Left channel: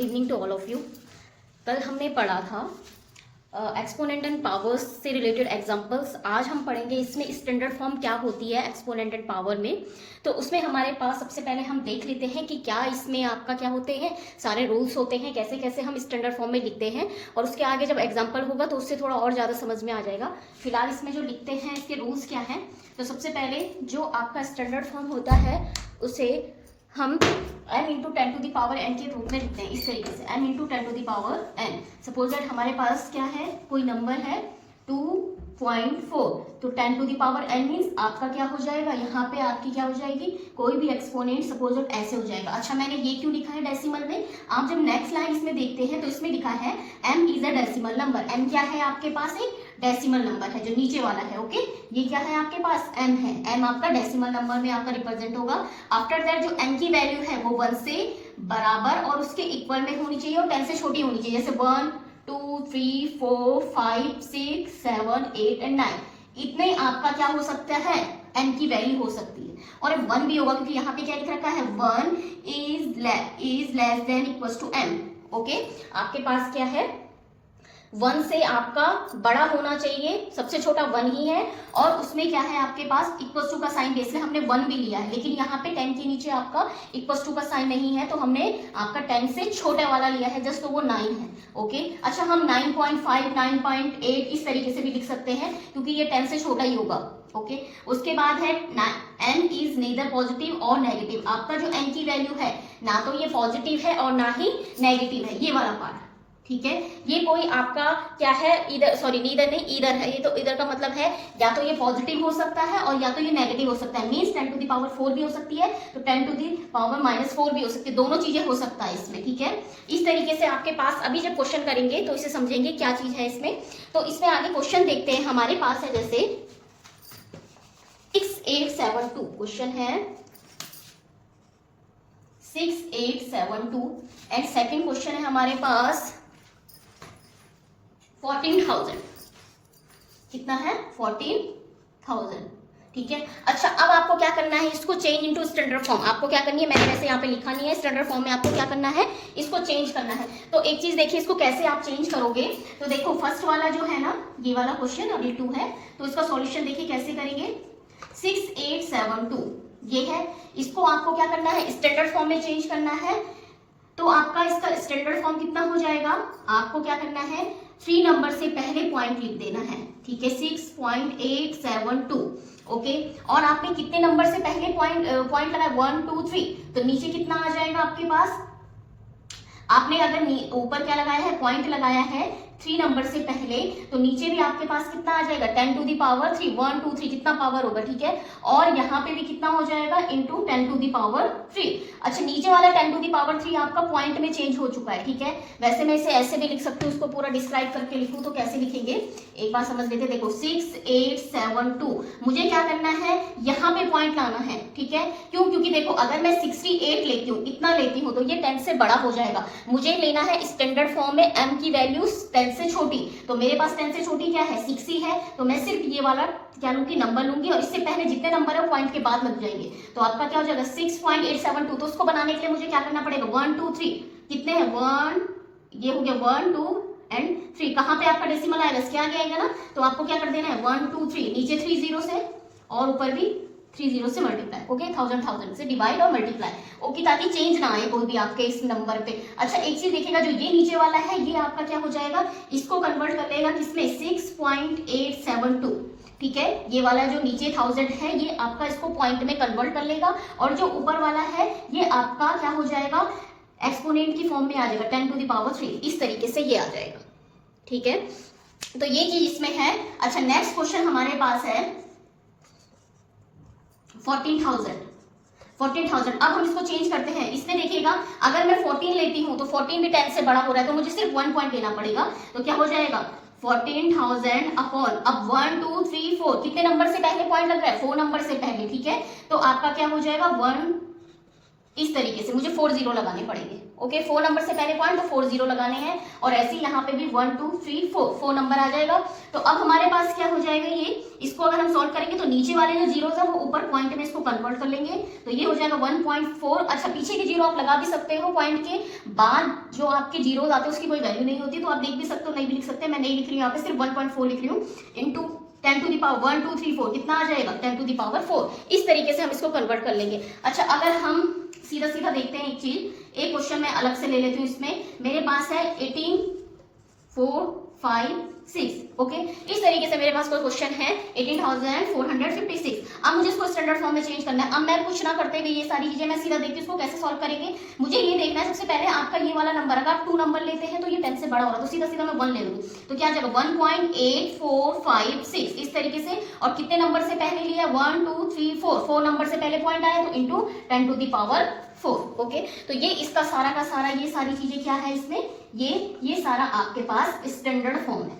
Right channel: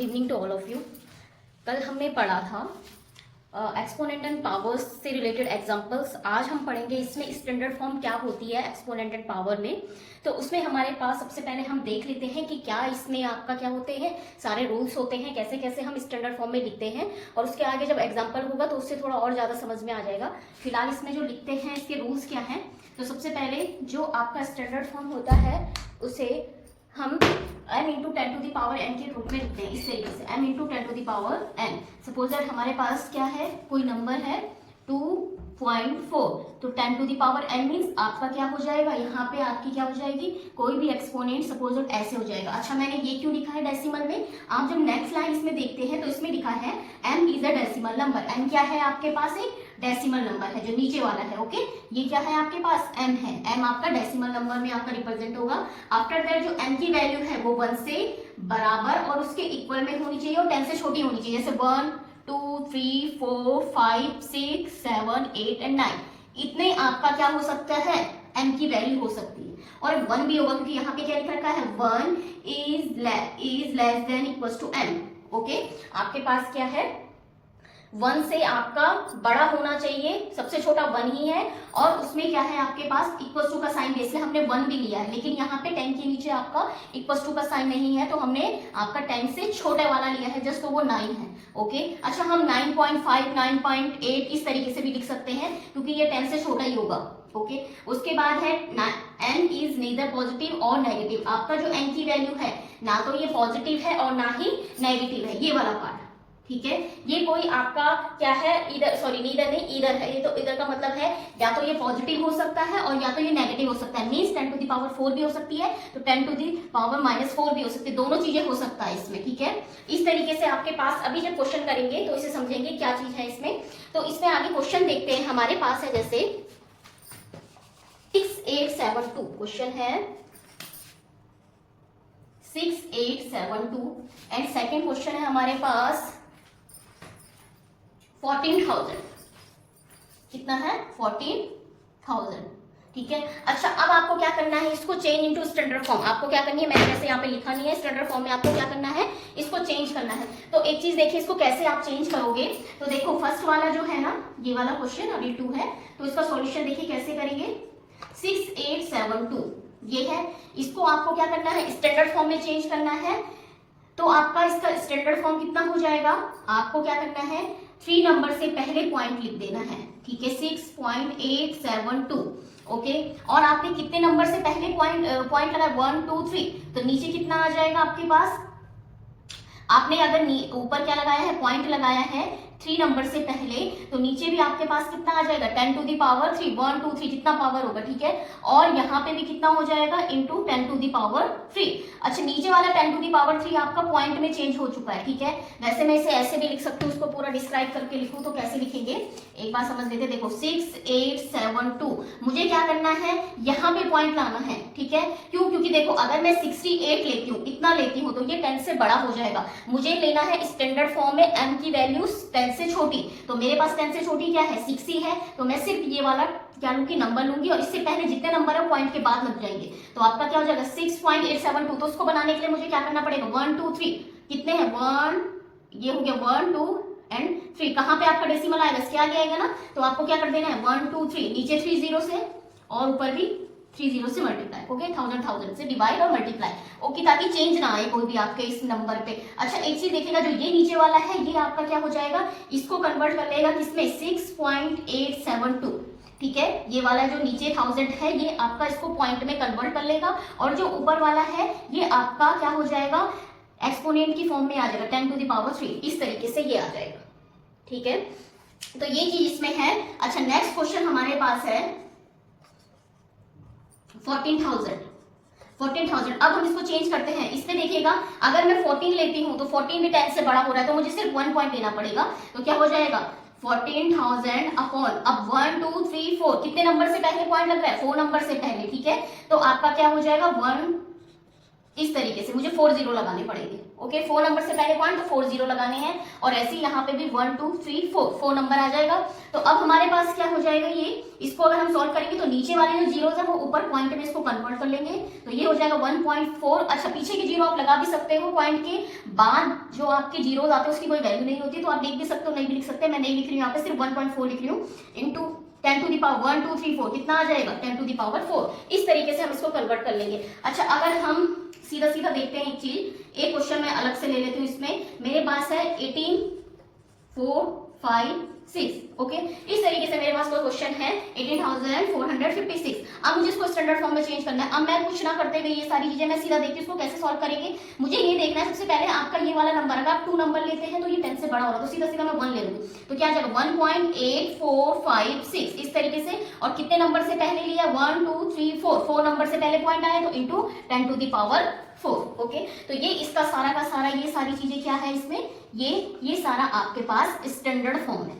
Good evening to all of you. कल हमने पढ़ा था एक्सपोनेंट एंड पावर्स से रिलेटेड एग्जांपल्स। आज हम पढ़ेंगे इसमें स्टैंडर्ड फॉर्म क्या होती है एक्सपोनेंट एंड पावर में। तो उसमें हमारे पास सबसे पहले हम देख लेते हैं कि क्या इसमें आपका क्या होते हैं, सारे रूल्स होते हैं, कैसे कैसे हम स्टैंडर्ड फॉर्म में लिखते हैं। और उसके आगे जब एग्जाम्पल होगा तो उससे थोड़ा और ज्यादा समझ में आ जाएगा। फिलहाल इसमें जो लिखते हैं इसके रूल्स क्या हैं। तो सबसे पहले जो आपका स्टैंडर्ड फॉर्म होता है उसे हम m into 10 to the power n के रूप में लिखते हैं इस तरीके से, m into 10 to the power n। Suppose that हमारे पास क्या है, कोई नंबर है 2.4, तो 10 to the power n means आपका क्या हो जाएगा, यहाँ पे आपकी क्या हो जाएगी, कोई भी एक्सपोनेंट सपोज दैट ऐसे हो जाएगा। अच्छा मैंने ये क्यों लिखा है डेसिमल में, आप जब नेक्स्ट लाइन इसमें देखते हैं तो इसमें लिखा है m is a decimal number. m क्या है आपके पास, एक डेसिमल नंबर है जो नीचे वाला है। ओके, ये क्या है आपके पास, m है। m आपका डेसिमल नंबर में आपका रिप्रेजेंट होगा। आफ्टर दैट जो m की वैल्यू है वो 1 से बराबर और उसके इक्वल में होनी चाहिए और 10 से छोटी होनी चाहिए। जैसे 1 2 3 4 5 6 7 8 एंड 9, इतने आपका क्या हो सकता है, m की वैल्यू हो सकती है। और 1 भी होगा क्योंकि यहाँ पे क्या लिख रखा है, 1 is less than equal to m। Okay, आपके पास क्या है, 1 से आपका बड़ा होना चाहिए, सबसे छोटा 1 ही है। और उसमें क्या है आपके पास इक्वल टू का साइन, बेस से हमने 1 भी लिया है, लेकिन यहाँ पे 10 के नीचे आपका इक्वल टू का साइन नहीं है, तो हमने आपका 10 से छोटा वाला लिया है जस्ट, तो वो 9 है। ओके, अच्छा हम 9.5 9.8 इस तरीके से भी लिख सकते हैं क्योंकि ये 10 से छोटा ही होगा। ओके, उसके बाद है n इज नीदर पॉजिटिव और नेगेटिव। आपका जो n की वैल्यू है ना तो ये पॉजिटिव है और ना ही नेगेटिव है, ये वाला पार्ट। ठीक है, ये कोई आपका क्या है, इधर सॉरी नीदर नहीं इधर है, ये तो इधर का मतलब है या तो ये पॉजिटिव हो सकता है और या तो ये नेगेटिव हो सकता है। मींस 10 टू द पावर 4 भी हो सकती है तो 10 टू द पावर -4 भी हो सकती है, दोनों चीजें हो सकता है इसमें। ठीक है, इस तरीके से आपके पास अभी जब क्वेश्चन करेंगे तो इसे समझेंगे क्या चीज है इसमें। तो इसमें आगे क्वेश्चन देखते हैं, हमारे पास है जैसे 6872 क्वेश्चन है 6872 एंड सेकेंड क्वेश्चन है हमारे पास 14,000। कितना है, 14,000। ठीक है, अच्छा अब आपको क्या करना है, इसको चेंज इनटू स्टैंडर्ड फॉर्म आपको क्या करनी है, मैंने जैसे यहाँ पे लिखा नहीं है, स्टैंडर्ड फॉर्म में आपको क्या करना है, इसको चेंज करना है। तो एक चीज देखिए, इसको कैसे आप चेंज करोगे। तो देखो फर्स्ट वाला जो है ना, ये वाला क्वेश्चन अभी 2 है, तो इसका सॉल्यूशन देखिए कैसे करेंगे। 6872 ये है, इसको आपको क्या करना है, स्टैंडर्ड फॉर्म में चेंज करना है। तो आपका इसका स्टैंडर्ड फॉर्म कितना हो जाएगा, आपको क्या करना है, 3 नंबर से पहले पॉइंट लिख देना है। ठीक है, 6.872। ओके, और आपके कितने नंबर से पहले पॉइंट लगा, 1 2 3, तो नीचे कितना आ जाएगा आपके पास, आपने अगर ऊपर क्या लगाया है, पॉइंट लगाया है 3 नंबर से पहले, तो नीचे भी आपके पास कितना आ जाएगा, 10 टू द पावर 3, 1 2 3 जितना पावर होगा। ठीक है, और यहाँ पे भी कितना हो जाएगा, इंटू 10 टू द पावर 3। अच्छा नीचे वाला 10 टू द पावर 3 आपका पॉइंट में चेंज हो चुका है। ठीक है, वैसे मैं इसे ऐसे भी लिख सकती हूँ, उसको पूरा डिस्क्राइब करके लिखूँ तो कैसे लिखेंगे एक बार समझ लेते। देखो 6872 मुझे क्या करना है, यहाँ पे पॉइंट लाना है। ठीक है, क्यों, क्योंकि देखो अगर मैं 68 लेती हूँ, इतना लेती हूँ, तो ये 10 से बड़ा हो जाएगा। मुझे लेना है स्टैंडर्ड फॉर्म में m की वैल्यू 10 से छोटी, तो मेरे पास 10 से छोटी क्या है, 6 ही है, तो मैं सिर्फ ये वाला क्या लूंगी, नंबर लूंगी और इससे पहले जितने नंबर है पॉइंट के बाद लग जाएंगे। तो आपका क्या हो जाएगा 6.872। तो उसको बनाने के लिए मुझे क्या करना पड़ेगा, 1 2 3 कितने हैं, 1 ये हो गया 1 2 एंड 3, कहाँ पे आपका डेसिमल आएगा, इसके आगे आएगा ना, तो आपको क्या कर देना है 1 2 3, नीचे 3 0 से और ऊपर भी 3 0 से मल्टीप्लाई। ओके, 1000 से डिवाइड और मल्टीप्लाई। ओके, ताकि चेंज ना आए कोई भी आपके इस नंबर पे। अच्छा एक चीज देखिएगा, जो ये नीचे वाला है ये आपका क्या हो जाएगा, इसको कन्वर्ट कर लेगा किसमें, 6.872। ठीक है, ये वाला जो नीचे 1000 है ये आपका इसको पॉइंट में कन्वर्ट कर लेगा, और जो ऊपर वाला है ये आपका क्या हो जाएगा, एक्सपोनेंट की फॉर्म में आ जाएगा, 10 टू द पावर 3, इस तरीके से ये आ जाएगा। ठीक है, तो ये चीज इसमें है। अच्छा नेक्स्ट क्वेश्चन हमारे पास है 14,000। अब हम इसको चेंज करते हैं। इसमें देखिएगा अगर मैं 14 लेती हूँ तो 14 भी 10 से बड़ा हो रहा है, तो मुझे सिर्फ 1 पॉइंट लेना पड़ेगा। तो क्या हो जाएगा 14,000 अपॉन, अब 1 2 3 4 कितने नंबर से पहले पॉइंट लग रहा है, 4 नंबर से पहले। ठीक है, तो आपका क्या हो जाएगा 1 इस तरीके से मुझे 4 जीरो लगाने पड़ेंगे। ओके, 4 नंबर से पहले पॉइंट तो 4 जीरो लगाने हैं, और ऐसे ही यहाँ पे भी 1 2 3 4 नंबर आ जाएगा। तो अब हमारे पास क्या हो जाएगा, ये इसको अगर हम सॉल्व करेंगे तो नीचे वाले जो जीरोस है वो ऊपर पॉइंट में इसको कन्वर्ट कर लेंगे, तो ये हो जाएगा 1.4। अच्छा, पीछे के जीरो आप लगा भी सकते हो, पॉइंट के बाद जो आपके जीरोस आते हैं उसकी कोई वैल्यू नहीं होती, तो आप लिख भी सकते हो, नहीं भी लिख सकते, मैं नहीं लिख रही हूँ यहाँ पे, सिर्फ 1.4 लिख रही हूँ, इंटू 10 टू दी पावर 1 2 3 4 कितना आ जाएगा 10 टू दी पावर 4। इस तरीके से हम इसको कन्वर्ट कर लेंगे। अच्छा, अगर हम सीधा सीधा देखते हैं एक चीज, एक क्वेश्चन मैं अलग से ले लेती हूँ, इसमें मेरे पास है 18 4 5 6। ओके, इस तरीके से मेरे पास कोई क्वेश्चन है 18,456। अब मुझे इसको स्टैंडर्ड फॉर्म में चेंज करना है। अब मैं कुछ ना करते हुए ये सारी चीजें मैं सीधा देखती हूँ इसको कैसे सॉल्व करेंगे। मुझे ये देखना है सबसे पहले आपका ये वाला नंबर, अगर आप 2 नंबर लेते हैं तो ये 10 से बड़ा हो रहा है, तो सीधा सीधा मैं 1 ले लूंगी, तो क्या आ जाएगा 1.8456 इस तरीके से। और कितने नंबर से पहले लिया 1 2 3 4 नंबर से पहले पॉइंट आया, तो into 10 to the power 4। Okay, तो ये इसका सारा का सारा ये सारी चीजें क्या है इसमें, ये सारा आपके पास स्टैंडर्ड फॉर्म है।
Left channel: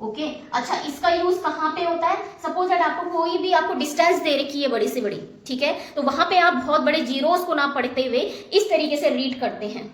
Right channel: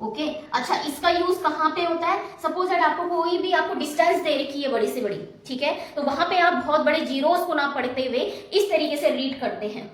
ओके, अच्छा, इसका यूज कहाँ पे होता है, सपोज दैट आपको कोई भी आपको डिस्टेंस दे रखी है बड़ी से बड़ी, ठीक है, तो वहां पे आप बहुत बड़े जीरोस को ना पढ़ते हुए इस तरीके से रीड करते हैं,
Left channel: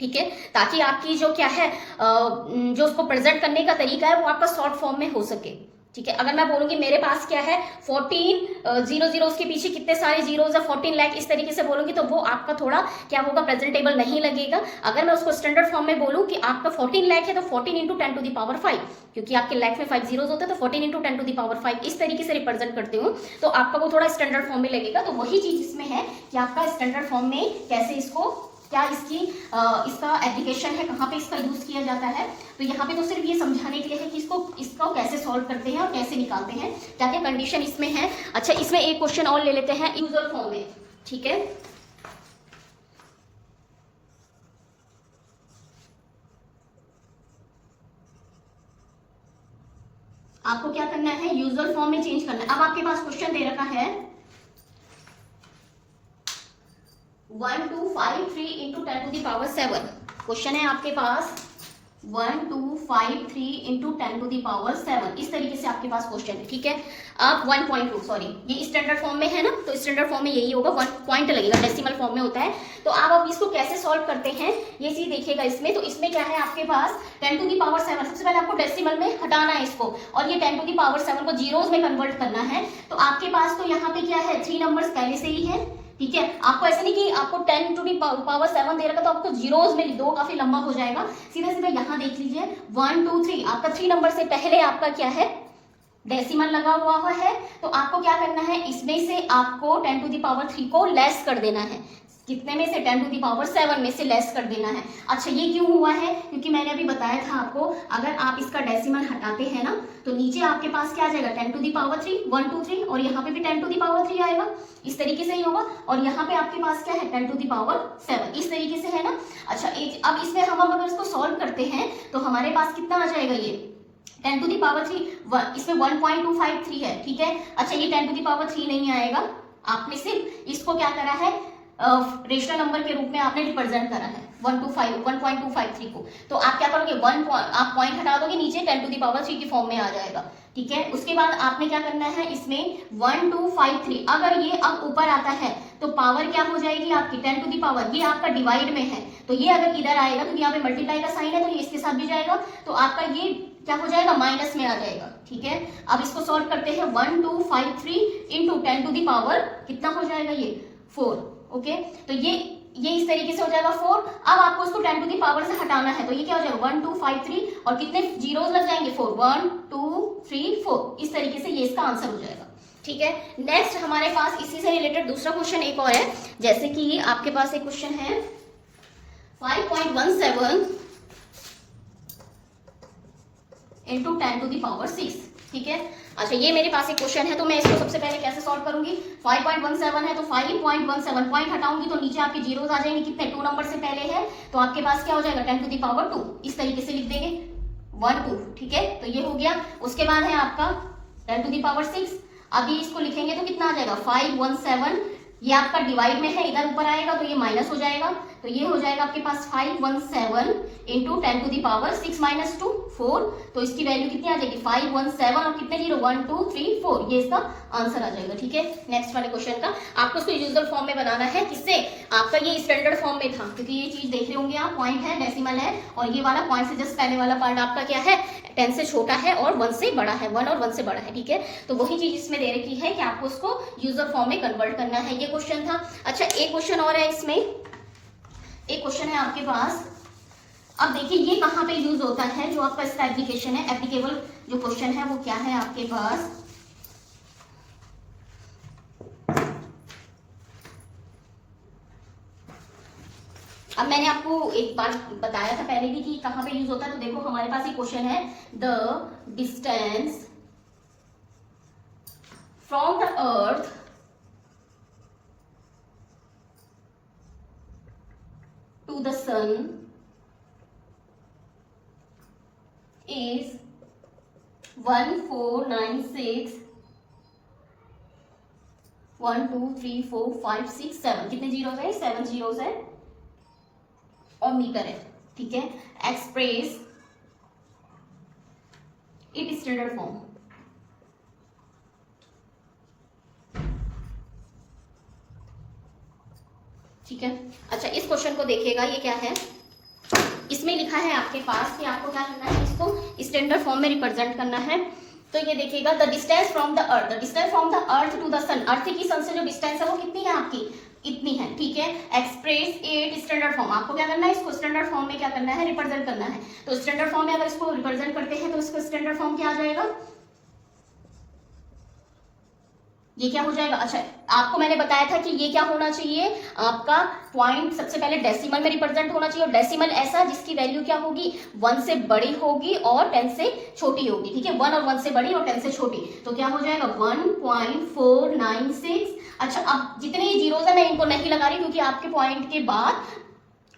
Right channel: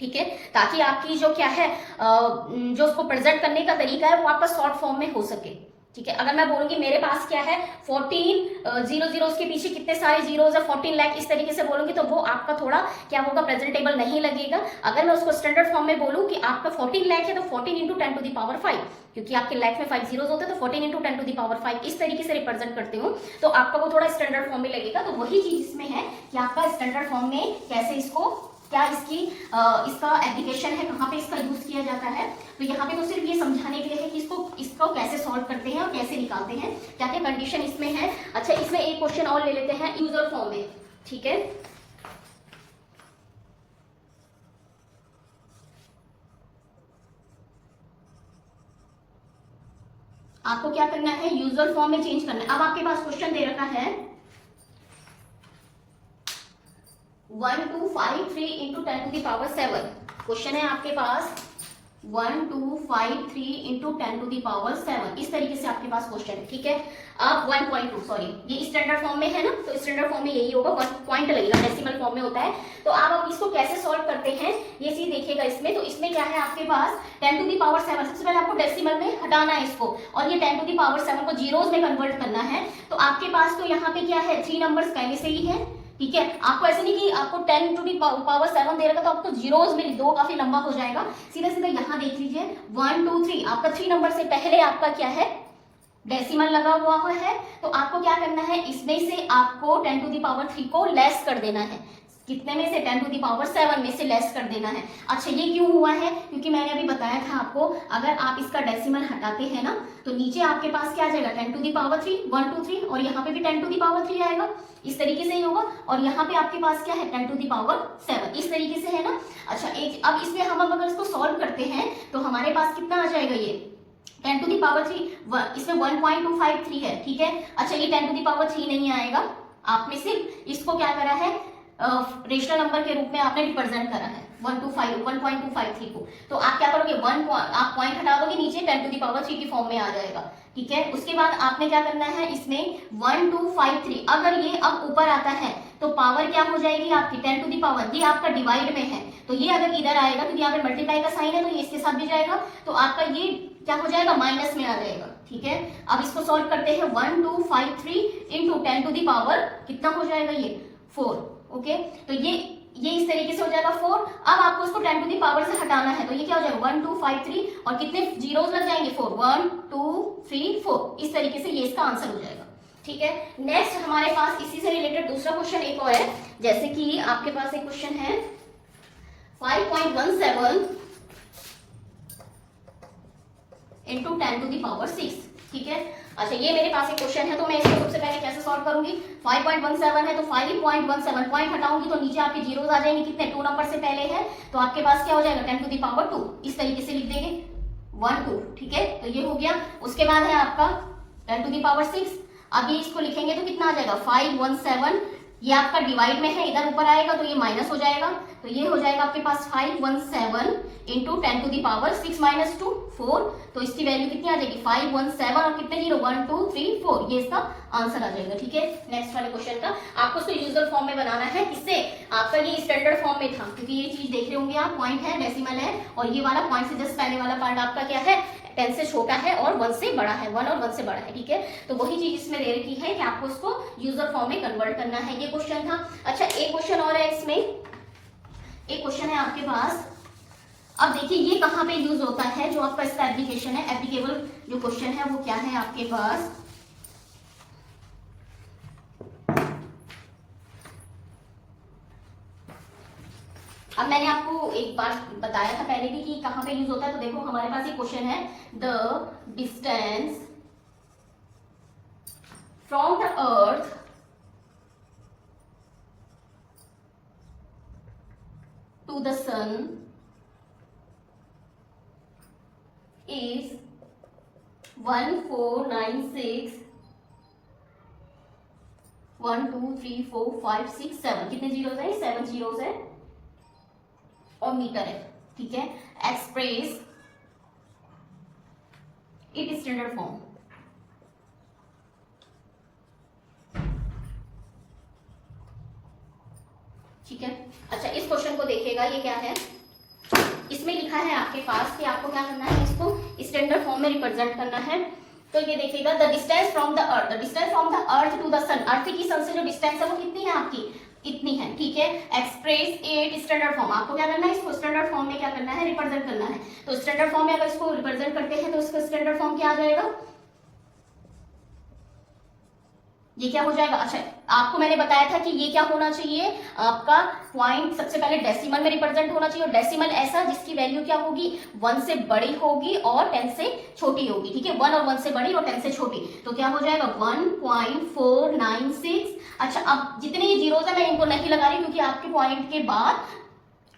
ठीक है, ताकि आपकी जो क्या है जो उसको प्रेजेंट करने का तरीका है वो आपका शॉर्ट फॉर्म में हो सके। ठीक है, अगर मैं बोलूंगी मेरे पास क्या है 14 उसके पीछे कितने सारे जीरोस है 14 लाख, इस तरीके से बोलूंगी तो वो आपका थोड़ा क्या होगा, प्रेजेंटेबल नहीं लगेगा। अगर मैं उसको स्टैंडर्ड फॉर्म में बोलूं कि आपका 14 लाख है तो 14 इंटू 10 टू दी पावर 5, क्योंकि आपके लाख में 5 जीरोस होते हैं, तो 14 इंटू 10 टू दी पावर 5 इस तरीके से रिप्रेजेंट करते हो तो आपका वो थोड़ा स्टैंडर्ड फॉर्म में लगेगा। तो वही चीज इसमें है कि आपका स्टैंडर्ड फॉर्म में कैसे इसको क्या इसका एप्लीकेशन है, कहाँ पे इसका यूज किया जाता है। तो यहाँ पे तो सिर्फ ये समझाने के लिए है कि इसको कैसे सॉल्व करते हैं और कैसे निकालते हैं, क्या क्या कंडीशन इसमें है। अच्छा, इसमें एक क्वेश्चन और ले लेते हैं यूजुअल फॉर्म में, ठीक है। आपको क्या करना है, यूजुअल फॉर्म में चेंज करना है। अब आपके पास क्वेश्चन दे रखा है 1253 into 10 to the power 7। Question है आपके पास 1253 इंटू 10 टू दी पावर 7, इस तरीके से आपके पास क्वेश्चन है, ठीक है। आप 1.2 सॉरी ये स्टैंडर्ड फॉर्म में है ना, तो स्टैंडर्ड फॉर्म में यही होगा, 1 पॉइंट लगेगा, डेसिमल फॉर्म में होता है। तो आप इसको कैसे सॉल्व करते हैं ये चीज देखिएगा इसमें। तो इसमें क्या है आपके पास 10 टू दी पावर 7, सबसे पहले आपको डेसिमल में हटाना है इसको, और ये 10 टू दी पावर 7 को जीरोस में कन्वर्ट करना है। तो आपके पास तो यहाँ पे क्या है 3 नंबर्स पहले से ही है, ठीक है। आपको ऐसे नहीं कि आपको 10 टू दी पावर 7 दे रखा तो आपको जीरोस में लिख दो, काफी लंबा हो जाएगा। सीधा सीधा यहाँ देख लीजिए 1 2 3, आपका 3 नंबर से पहले आपका क्या है डेसिमल लगा हुआ है। तो आपको क्या करना है, इसमें से आपको 10 टू दी पावर 3 को लेस कर देना है, कितने में से 10 टू दी पावर 7 में से लेस कर देना है। अच्छा, ये क्यों हुआ है, क्योंकि मैंने अभी बताया था आपको, अगर आप इसका डेसिमल हटाते हैं ना तो नीचे आपके पास क्या आ जाएगा 10 टू दी पावर 3 1 2 3, और यहाँ पे भी 10 टू दी पावर 3 आएगा, इस तरीके से ही होगा। और यहाँ पे आपके पास क्या है 10 टू दी पावर 7, इस तरीके से है ना। अच्छा, अब इसमें हम अगर इसको सॉल्व करते हैं तो हमारे पास कितना आ जाएगा, ये 10 टू दी पावर 3 इसमें 1.253 है, ठीक है। अच्छा, ये 10 टू दी पावर 3 नहीं आएगा, आपने सिर्फ इसको क्या करा है रेशनल नंबर के रूप में आपने रिप्रेजेंट करा है 1.253 को। तो आप क्या करोगे आप पॉइंट हटा दोगे, नीचे 10 टू दी पावर 3 की फॉर्म में आ जाएगा, ठीक है। उसके बाद आपने क्या करना है, इसमें 1253 अगर ये अब ऊपर आता है तो पावर क्या हो जाएगी आपकी 10 टू दी पावर, ये आपका डिवाइड में है तो ये अगर इधर आएगा तो यहाँ पे मल्टीप्लाई का साइन है तो ये इसके साथ भी जाएगा, तो आपका ये क्या हो जाएगा माइनस में आ जाएगा, ठीक है। अब इसको सॉल्व करते हैं 1253 इंटू 10 टू दी पावर कितना हो जाएगा ये 4। ओके, तो ये इस तरीके से हो जाएगा 4। अब आपको उसको 10 टू दी पावर से हटाना है तो ये क्या हो जाएगा 1253 और कितने जीरोस लग जाएंगे 4 1 2 3 4, इस तरीके से ये इसका आंसर हो जाएगा, ठीक है। नेक्स्ट हमारे पास इसी से रिलेटेड दूसरा क्वेश्चन एक और है, जैसे कि आपके पास एक क्वेश्चन है 5.17 इंटू 10 टू दी पावर 6, ठीक है। अच्छा, ये मेरे पास एक क्वेश्चन है तो मैं इसको सबसे पहले कैसे सॉल्व करूंगी, 5.17 है तो 5.17 पॉइंट हटाऊंगी तो नीचे आपके जीरोस आ जाएंगे, कितने 2 नंबर से पहले है तो आपके पास क्या हो जाएगा 10 टू दी पावर 2, इस तरीके से लिख देंगे 1 2, ठीक है। तो ये हो गया। उसके बाद है आपका 10 टू दी पावर 6, अभी इसको लिखेंगे तो कितना आ जाएगा 517, ये आपका डिवाइड में है, इधर ऊपर आएगा तो ये माइनस हो जाएगा, तो ये हो जाएगा आपके पास 517 into 10 to the power 6 minus 2 4, तो इसकी वैल्यू कितनी आ जाएगी 517 और कितने जीरो 1 2 3 4, ये इसका आंसर आ जाएगा। ठीक है, नेक्स्ट वाले क्वेश्चन का आपको इसको यूजुअल फॉर्म में बनाना है, किससे आपका ये स्टैंडर्ड फॉर्म में था, क्योंकि ये चीज देख रहे होंगे आप, पॉइंट है, डेसिमल है, और ये वाला पॉइंट से जस्ट पहले वाला पार्ट आपका क्या है 10 से छोटा है और 1 से बड़ा है, 1 और 1 से बड़ा है। ठीक है, तो वही चीज इसमें दे रखी है कि आपको उसको यूजर फॉर्म में कन्वर्ट करना है, ये क्वेश्चन था। अच्छा, एक क्वेश्चन और है इसमें, एक क्वेश्चन है आपके पास। अब देखिए ये कहाँ पे यूज होता है, जो आपका इसका एप्लीकेशन है, एप्लीकेबल जो क्वेश्चन है वो क्या है आपके पास। अब मैंने आपको एक बार बताया था पहले भी कि कहां पे यूज होता है, तो देखो हमारे पास एक क्वेश्चन है, the distance from the earth to the sun is 1496 1 2 3 4 5 6 7, कितने जीरोस है 7 जीरोस है और मीटर है। ठीक है, एक्सप्रेस इट स्टैंडर्ड फॉर्म। ठीक है, अच्छा इस क्वेश्चन को देखिएगा, ये क्या है, इसमें लिखा है आपके पास कि आपको क्या करना है, इसको स्टैंडर्ड फॉर्म में रिप्रेजेंट करना है। तो ये देखिएगा, the distance from the earth, the distance from the earth to the sun, earth की सन से जो डिस्टेंस है वो कितनी है आपकी, इतनी है। ठीक है, एक्सप्रेस इट स्टैंडर्ड फॉर्म, आपको क्या करना है, इसको स्टैंडर्ड फॉर्म में क्या करना है, रिप्रेजेंट करना है। तो स्टैंडर्ड फॉर्म में अगर इसको रिप्रेजेंट करते हैं तो इसका स्टैंडर्ड फॉर्म क्या आ जाएगा, ये क्या हो जाएगा। अच्छा, आपको मैंने बताया था कि ये क्या होना चाहिए, आपका पॉइंट सबसे पहले डेसिमल में रिप्रेजेंट होना चाहिए, और डेसिमल ऐसा जिसकी वैल्यू क्या होगी 1 से बड़ी होगी और 10 से छोटी होगी। ठीक है, 1 और 1 से बड़ी और 10 से छोटी, तो क्या हो जाएगा 1.496। अच्छा, अब जितने ये जीरोस है मैं इनको नहीं लगा रही, क्योंकि आपके पॉइंट के बाद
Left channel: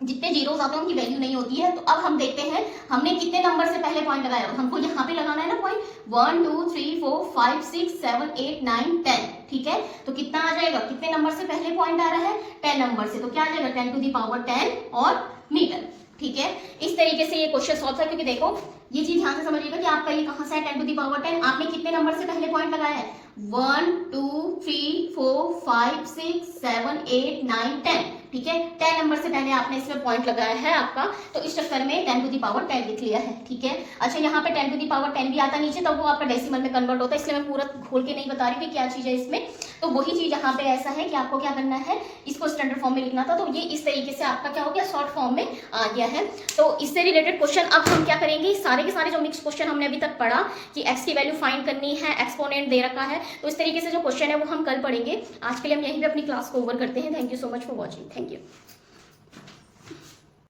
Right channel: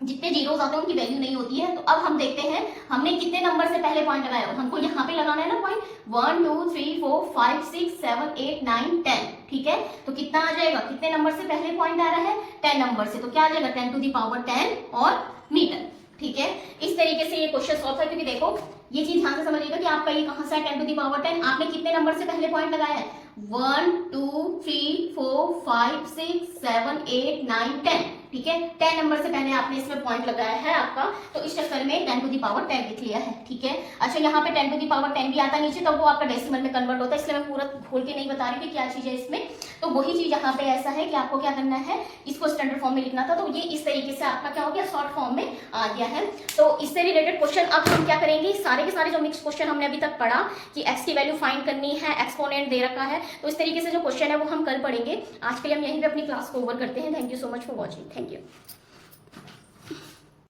जितने जीरोस आते हैं उनकी वैल्यू नहीं होती है। तो अब हम देखते हैं हमने कितने नंबर से पहले पॉइंट लगाया, हमको यहाँ पे लगाना है ना पॉइंट, 1 2 3 4 5 6 7 8 9 10। ठीक है, तो कितना आ जाएगा, कितने नंबर से पहले पॉइंट आ रहा है 10 नंबर से, तो क्या आ जाएगा 10 टू दी पावर 10 और मीटर। ठीक है, इस तरीके से ये क्वेश्चन सॉल्व है, क्योंकि देखो ये चीज ध्यान से समझिएगा कि आपका ये कहां से है 10 टू दी पावर 10, आपने कितने नंबर से पहले पॉइंट लगाया है 1 2 3 4 5 6 7 8 9 10। ठीक है, 10 नंबर से पहले आपने इसमें पॉइंट लगाया है आपका, तो इस चक्कर में 10 टू दी पावर 10 लिख लिया है। ठीक है, अच्छा यहाँ पे 10 टू दी पावर 10 भी आता नीचे, तब वो आपका डेसिमल में कन्वर्ट होता है, इसलिए मैं पूरा खोल के नहीं बता रही हूँ क्या चीज है इसमें। तो वही चीज यहाँ पे ऐसा है कि आपको क्या करना है, इसको स्टैंडर्ड फॉर्म में लिखना था, तो ये इस तरीके से आपका क्या हो गया, शॉर्ट फॉर्म में आ गया है। तो इससे रिलेटेड क्वेश्चन अब हम क्या करेंगे, सारे के सारे जो मिक्स क्वेश्चन हमने अभी तक पढ़ा कि एक्स की वैल्यू फाइंड करनी है, एक्सपोनेंट दे रखा है, तो इस तरीके से जो क्वेश्चन है वो हम कल पढ़ेंगे। आज के लिए हम यहीं पे अपनी क्लास को ओवर करते हैं। Thank you so much for watching, thank you.